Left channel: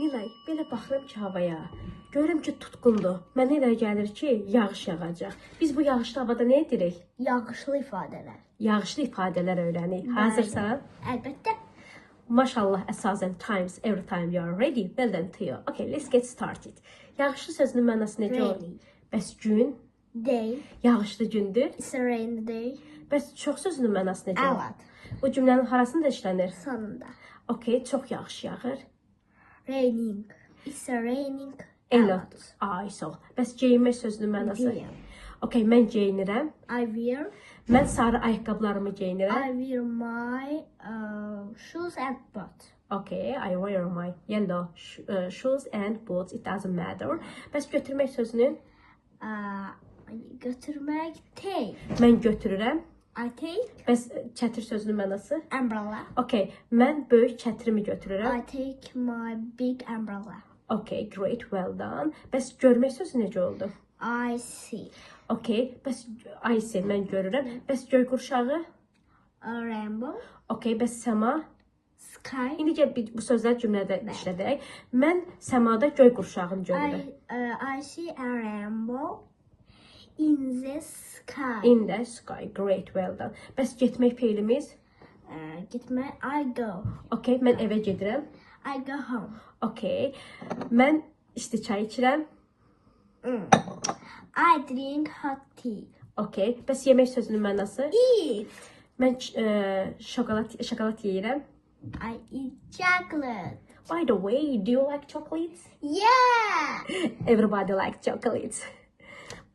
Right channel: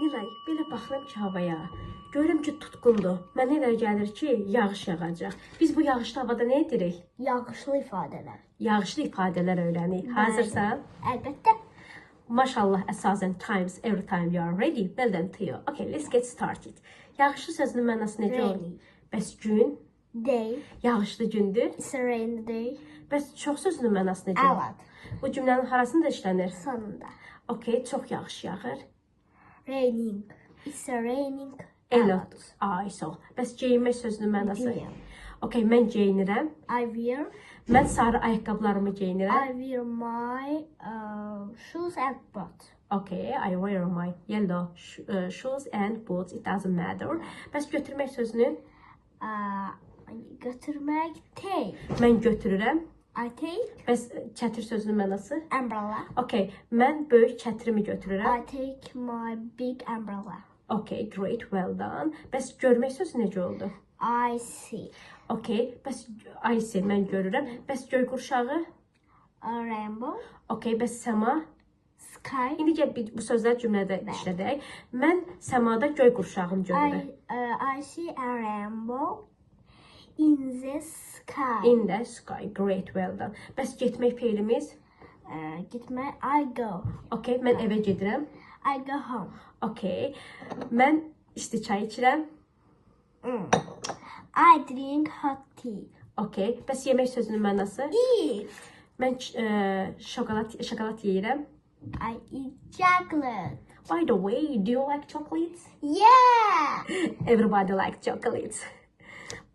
Nilay, belə baxıram ki havaya. Görürüm ki tutqundur. Mənə elə gəlir ki yağış yağacaq. Biz bu yağışlı havada nə edirik? Yağışlı ifadələr. Yağışlı ifadələr öyrənik. Hazırsan? Əlbəttə. Maşallah, əsasən times, every time you are ready. Well done to you. Okay, let's get started. Yağışlı sözünün mənası necə olur? Bəs gün? Day. Yağışlı gündür. It's a rainy day. Bəs çox sözünün mənası necə olur? Evet. Bu cümlənin harasında işlənir? Sonunda. Okay, çox yağış yağır. Raining. It's a raining. Elot. Ay, sağ ol. Bəs geyinmək sözünün mənası? Okay, mən geyinirəm. I wear. Mən sarı ayaqqabılarımı geyinirəm. I wear my shoes and boots. Okay, I wear my yellow shoes and boots. It doesn't matter. Bəs götürmək sözünün? Götürmək. Take. Mən götürürəm. I take. Bəs çətir sözünün mənası? Umbrella. Okay, mən böyük çətirimi götürürəm. I take my big umbrella. Okay, great, well done. Bəs görmək sözü necə oldu? I see. Okay, bəs I see, mən görürəm. Bəs göy qurşağı? A rainbow. Okay, bəs səma? Sky. İndi gəl bu sözlər cümlədə işlədək. Mən səmada göy qurşağını görürəm. I see a rainbow in the sky. In the sky, great, well done. Bəs getmək feilimiz? Gitmək. I go. Okay, mən evə gedirəm. I go home. Okay, mən isti çay içirəm. I drink hot tea. Okay, bəs yemək sözünün mənası? Eat. Mən şokolad yeyirəm. I eat chocolate. By the way, do you like chocolates? Yeah. Everybody likes chocolates.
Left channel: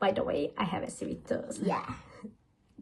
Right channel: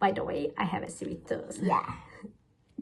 By the way, I have a sweet tooth. Yeah.